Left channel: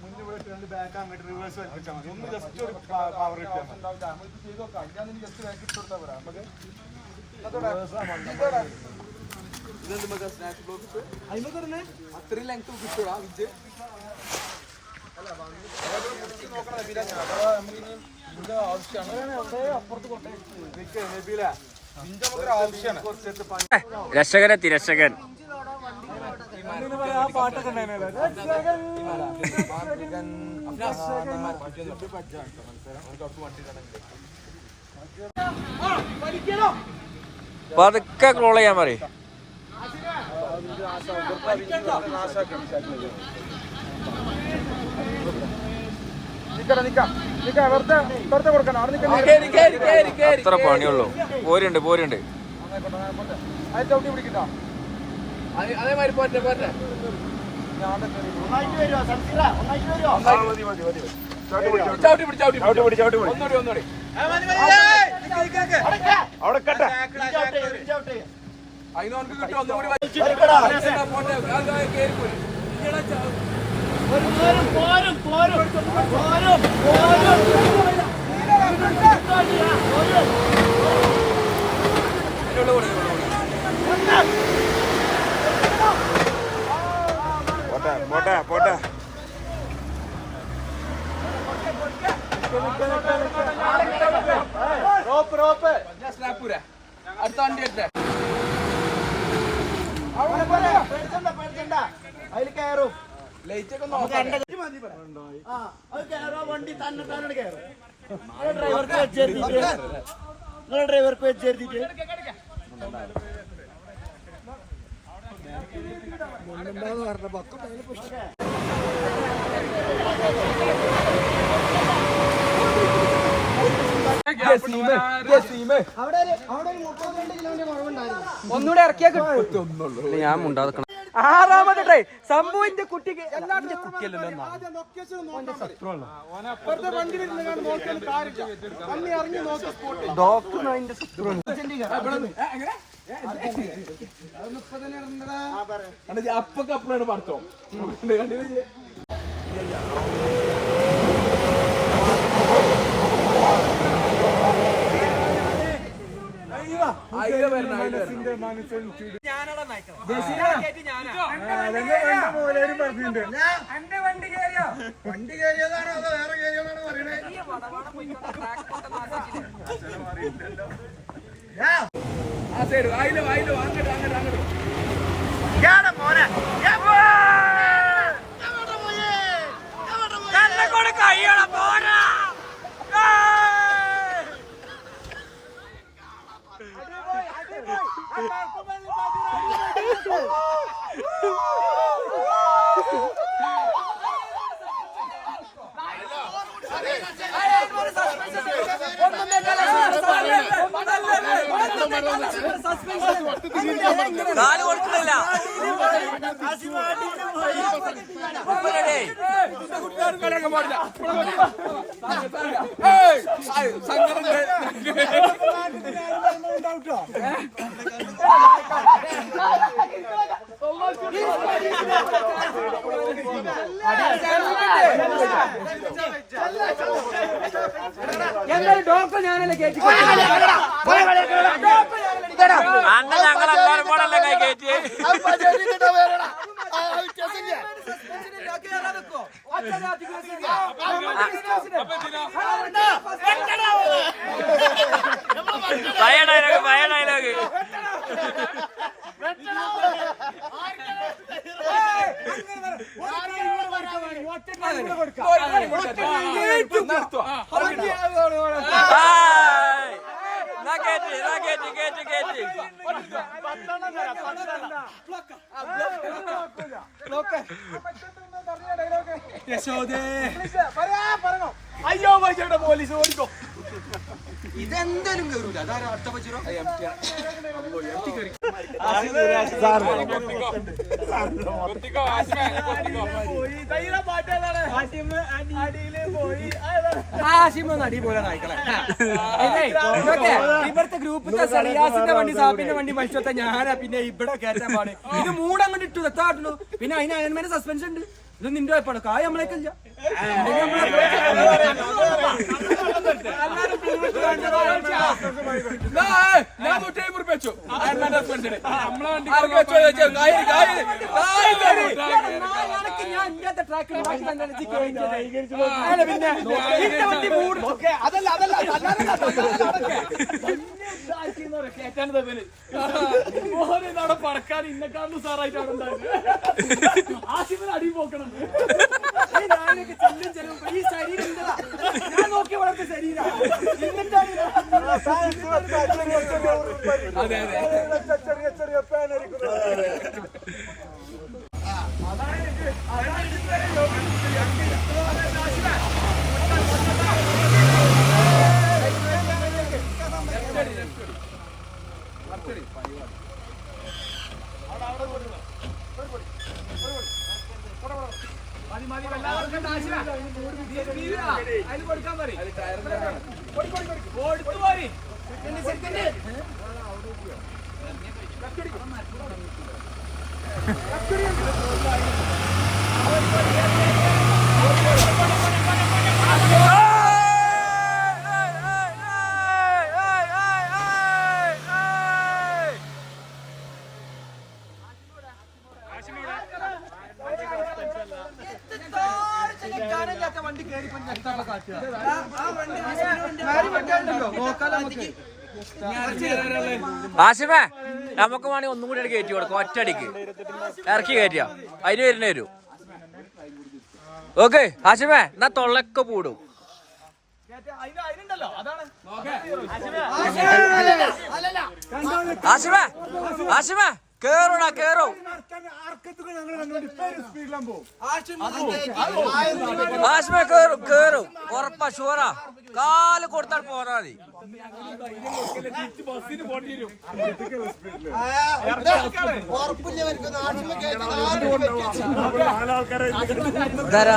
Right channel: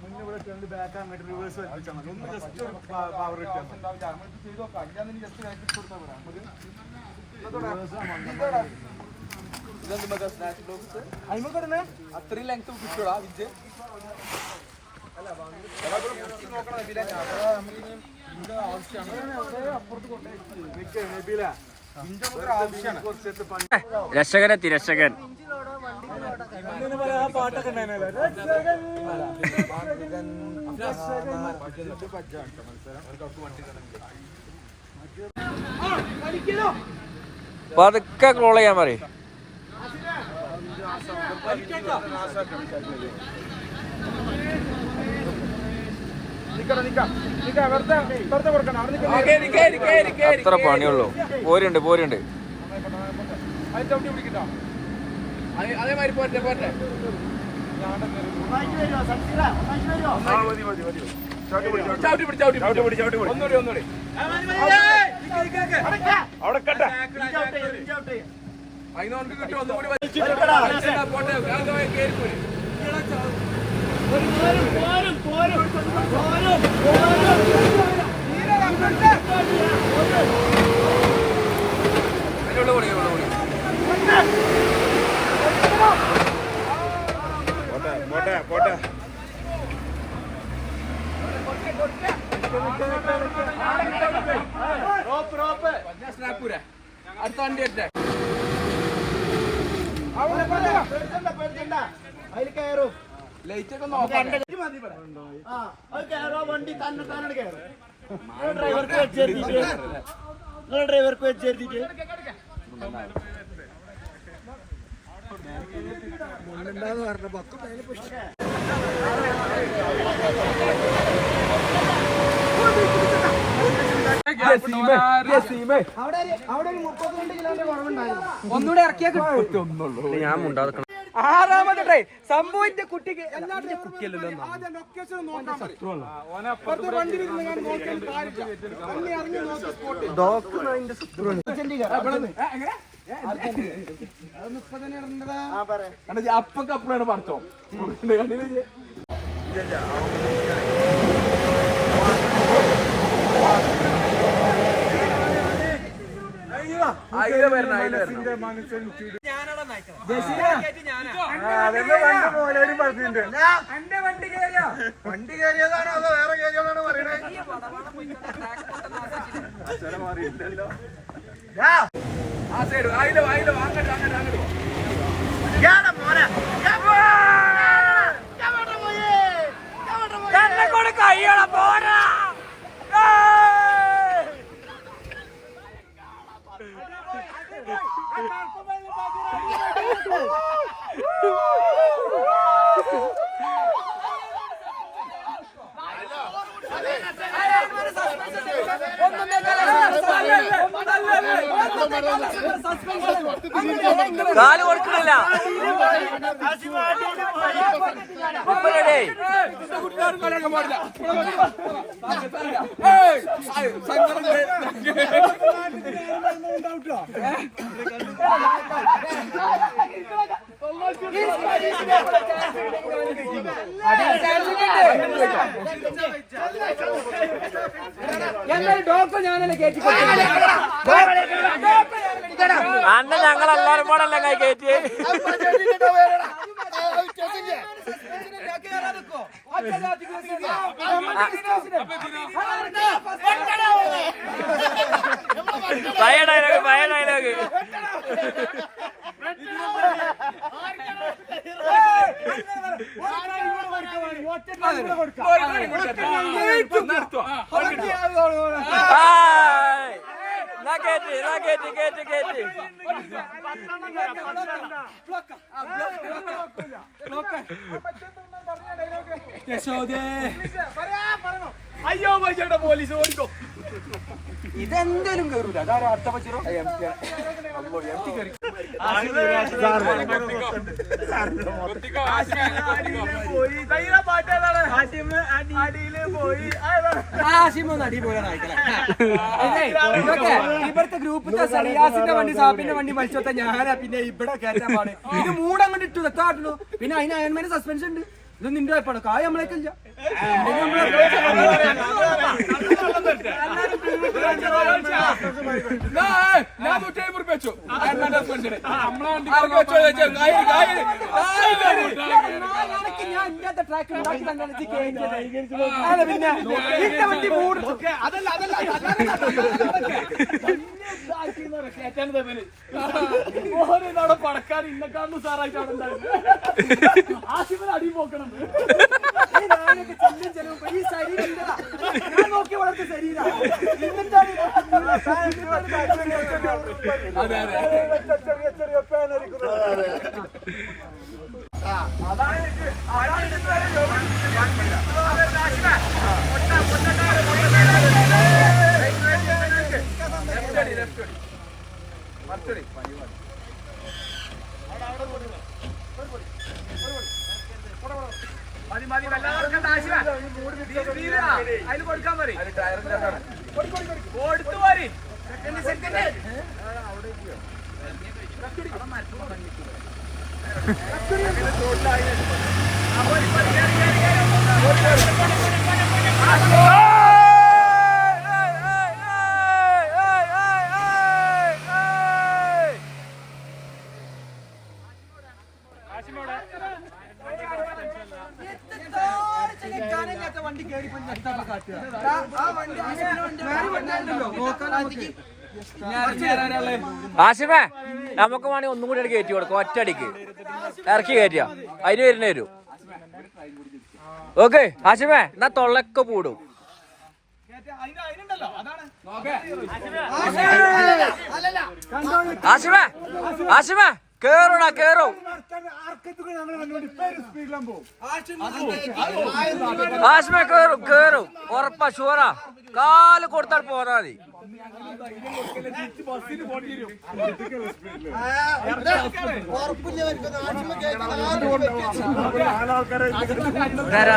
മുന്നേ ഇവിടെ ഇട്ട് ബാക്ക് അങ്ങോട്ട് റിവേഴ്സ് വെച്ചാൽ മതി. ഒന്ന് ജസ്റ്റ് ഒരു പവർ കിട്ടും അത്രയും ലെങ്ത് കിട്ടൂടാ വിജ് രക്ഷകനെത്തി രക്ഷകൻ ആ പാട്ടൊക്കെ ഉണ്ടായിരുന്നല്ലോ രക്ഷകൻ. പതുക്കെ ക്രോൾ ചെയ്യാൻ പറയും നിക്കണം, നിക്കാം. നിക്കാം, വെറുതെ വെറുതെ ക്ലോൾ ചെയ്യാൻ നിൽക്കുന്ന അത്ര പണിയുള്ളൂ. പോരുണ്ട് പോരുണ്ട്. അതേമാതിരി പോട്ടെ പോട്ടെ ഒന്നുകൂടി ഒന്നുകൂടി. കിട്ടും ഒന്നുകൂടി പോരും പോരും പോരും. സ്നാപ്പൂര അടുത്ത വണ്ടി എത്തേ അതിൽ കയറും. വണ്ടി തന്നെ തന്നെ കയറും. ഡ്രൈവർക്ക് വെച്ചെടുത്തിട്ട് പറഞ്ഞ ഡ്രൈവർക്ക് വെച്ചെടുത്തിട്ട് ഒന്നുകൂടെ ഇറക്കിയാ കിട്ടും. ഞാൻ ആറാമത് ട്രൈ സംഭവിന്റെ കുട്ടിക്ക് എല്ലാത്തിനും അപ്പൊക്കെ അപ്പഴാണ് പറഞ്ഞോ വണ്ടി കയറിയതാണോ അതോ വേറെ കയറിയതാണോ പറയണേ ആ സൈഡ് ആയില്ലോ ആയില്ലോ അങ്ങോട്ട് അങ്ങോട്ട് എന്നാലും ഡോക്ടർ ഞാനല്ലേ കയറ്റി അന്ന ഞങ്ങൾ എല്ലാവരും കൂടെ കൈ കയറ്റി കേറ്റി എന്നാ കേറ്റി കേറ്റി കേറ്റി അയ്യോ പൈസയുടെ പോലീസ് ഓടിക്കോ. ഇതെന്തായാലും കയറൂല അതാരാ അടുത്ത പച്ചിറോ ഇവിടുത്തെ ഗ്രൂപ്പിന്റെ സറിയാസിന്റെ വണ്ടി സാപ്പിന്റെ വണ്ടി മത്സരത്തെ ഞാനാ പിന്നെ ഇവിടെ കയറ്റാൻ പാട്. ഇത് മൂടങ്ങോട്ട് ഇട്ടു എത്താട്ടുള്ളൂ പിന്നെ അതിന് അയൺമാന് സസ്പെൻഷൻ ഉണ്ട്. ഇത് നിന്റെ വായ്പാണ് കായ നമ്മളേക്കില്ല ഞാൻ നൂറ്റി അമ്പത് വെച്ചു അയൽമാന്റെ ഹസ്ബൻഡിന് ആർക്ക് വെച്ചോ ചോദിച്ചോ അതല്ല അതല്ല ഓരോന്നാടെ പടക്കാൻ ഇന്നക്കാണ്ട് സാറായിട്ട് അവിടെ ഉണ്ടായിരുന്നു ആശിഫിന് അടി പോക്കണം അതെ അതെ ചെറിയ ചെറിയ പേനരിക്കുന്നത് വണ്ടി കയറി ആ വണ്ടി വണ്ടി നോക്കാലോ ആശിമേ നമുക്ക് വേണമെങ്കിൽ ഒന്നും കൂടി കയറ്റി കൊടുക്കും ഒറ്റടിക്ക് ഇറക്കി കയറ്റിയ അതിന് വരുന്നേ വരൂ. ഓക്കെ ആശിമേ എന്നാ തൊള്ളൊക്കെ പൂടും. ആശിമേ ആശിമേ കേറൂടാ കേറും. ആശിമേ കേറും കേറും. ഉറപ്പാ ഷുവറാ. കാൽ കൊടുത്താൽ പോരാ മതി. ഇതാരാ?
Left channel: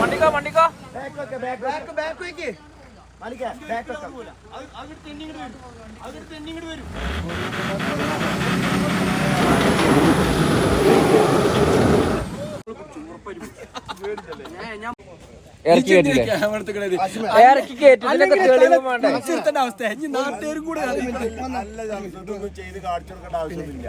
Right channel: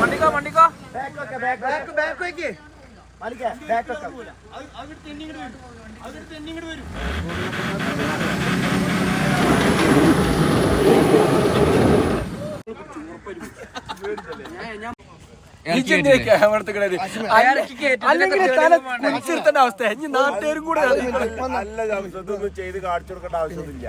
വണ്ടിക്കോ വണ്ടിക്കോ. കുടിച്ചിരുത്തേണ്ട അവസ്ഥ. ഇനി നാട്ടുകാരും കൂടെ ചെയ്ത് കാണിച്ചു കൊടുക്കേണ്ട ആവശ്യമൊന്നുമില്ല.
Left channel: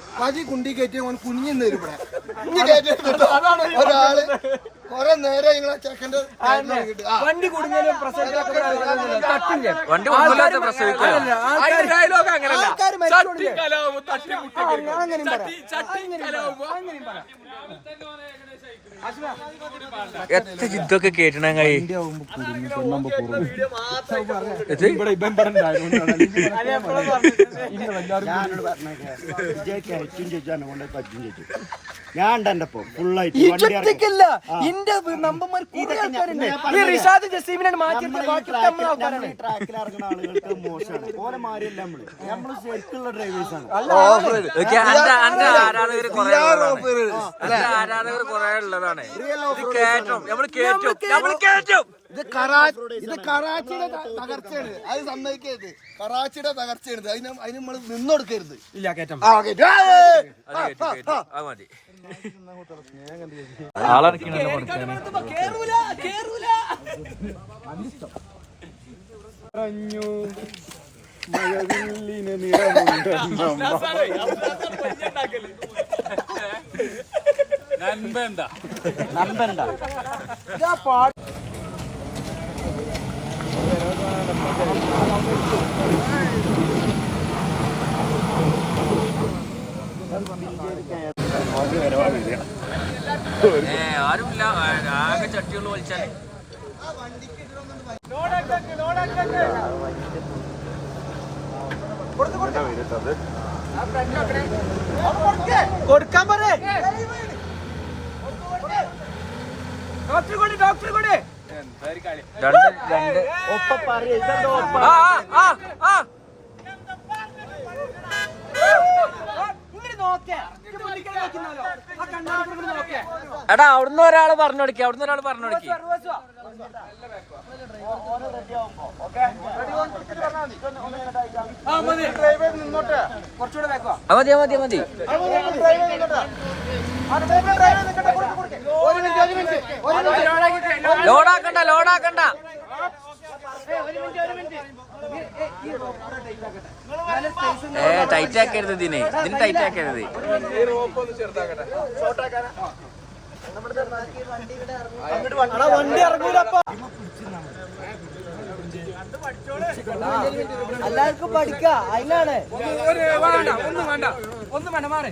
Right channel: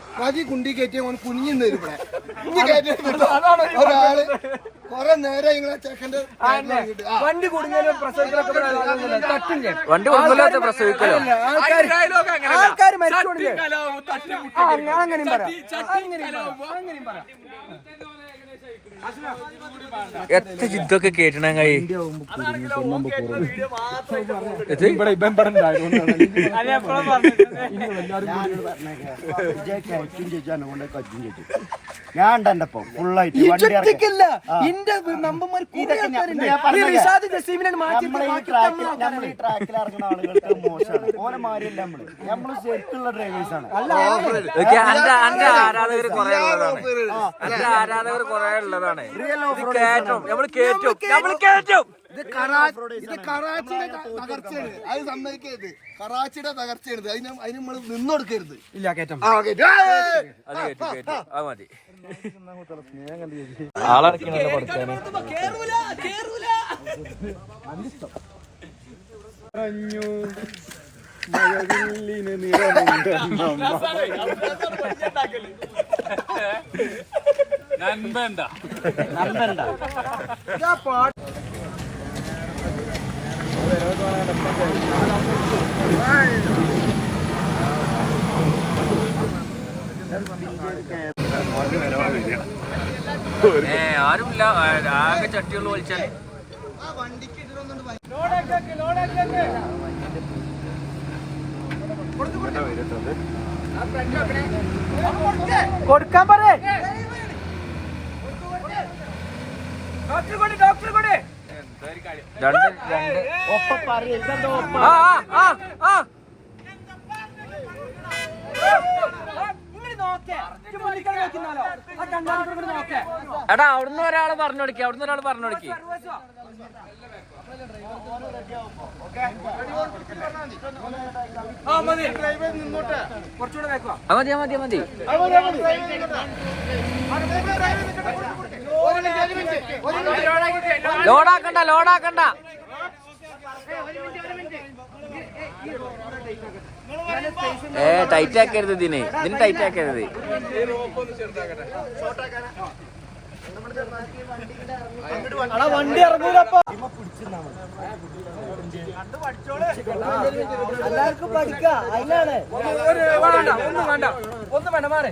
പതി കുണ്ടി കയറ്റി അവൻ കുഞ്ഞിന്ന് ഇവിടെ. ഒരാൾ കൊറേ നേരം നിങ്ങളെ ചെക്കന്റെ ആ. വണ്ടി കുടുങ്ങലും പ്രസവിക്കലൊക്കെ. തട്ടില്ലേ? വണ്ടി പ്രസവിക്കലോ? മരിച്ചോണ്ടില്ലേ? അങ്ങനെയും. പറയാം. അങ്ങനെയും പറയാം. എത്ര ജിദ്ദൊക്കെ കേട്ടണ കൈ ഞാൻ ഫുള്ളായിട്ട് വണ്ടി ഇറക്കി ഇല്ല ഇന്റെ നമ്പന്മാർ കുറെ ഇതൊക്കെ ഞാൻ- ഞാൻ പറഞ്ഞില്ലേ? നമ്മളെ ഈ ട്രാക്കിൽ നമ്മൾ ഈ ട്രാക്കിൽ ഇറങ്ങുന്ന ആളുകൾക്ക് മോശമാണ്. ഓനെ മാറിയല്ല നമ്മൾ. നമ്മൾ ശരിക്കുള്ള ഡ്രൈവേഴ്സ് ആണ്. ഓക്കെ അന്റെ അന്റെ ആരാധകർ കുറെ ഉള്ളതാണ്. അന്റെ ആരാധകർ കുറെ ഉള്ളതാണ്. ഇത് കേറ്റും. നമ്മൾ കേറ്റും നമ്മൾ കേറ്റും. ഇത് കറാ ഇത് കറാച്ചിയുടെ തകർച്ചയാണ്. അത് സമ്മതിക്കരുത്. കറാച്ചിയുടെ തകർച്ചയാണ് അതിന് അതിന് നമ്മൾ നിന്നൊടുക്കരുത്. ഇല്ല കേറ്റം! അത് കേറ്റു കേറ്റു അത് മതി. ആളറക്കണല്ലോ പഠിക്കാന് കേറൂല കേറൂല മഴവില്ലിന് നിറമുണ്ടെന്നമ്മ നമ്പണ്ട ഏ ആരുമില്ല. ആകെ ചട്ടികൾ വലിച്ചാൽ. കൊടുക്കാൻ പറയേ. ഡോക്ടർ കൂടി ഡോക്ടർ കൂടി. രണ്ട് രണ്ട്. ഒപ്പ പറയ ഇതെന്തോ ഒപ്പ ആ ആ ആ ആ ഇങ്ങനെ നോക്കേ ഇത് മുന്നിക്കാൻ നോക്കുന്നാലോ ആ കണ്ണാടി കൂടെ ഇങ്ങട് നോക്കേ എടാ അവിടുന്ന് ഒരാൾ പറഞ്ഞു കൊടുക്കി അവിടുന്ന് ഒരാൾ പറഞ്ഞു കൊടുക്കി ആ മതി മതി മതി ലോഡാക്കണ്ട ലോഡാക്കണ്ട ഏ ടൈറ്റ് ആക്കരുത് ഇതിന്. ഇതിന് ടൈറ്റ് ആക്കരുത്. വണ്ടി ഇറങ്ങൂലപ്പോ. എല്ലാവർക്കും പഠിക്കാം അതിനാണ്. വേണ്ട ഒന്നും വേണ്ട. ഒന്നും വേണ്ട മാറേ.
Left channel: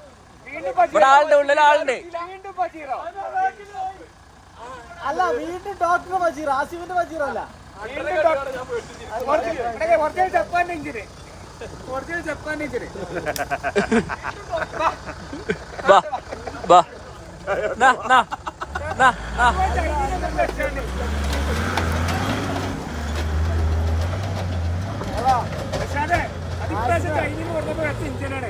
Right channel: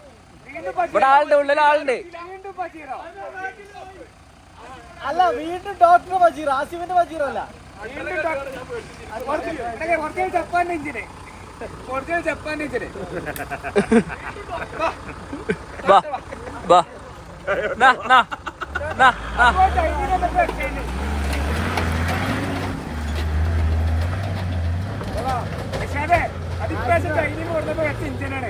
ഇവിടെ ആളുണ്ട് ഉള്ളിൽ ആളുണ്ട്. അല്ല വീണ്ടും ഡോക്ടർ വജീർ ആസിഫിന്റെ വജീർ അല്ല ജപ്പാന്റെ എഞ്ചിന് ജപ്പാന്റെ എഞ്ചിന് അതെ അതിപ്രാവശ്യം ചൈനയിൽ കൊടുത്തപ്പോ ഇഞ്ചിനാണ്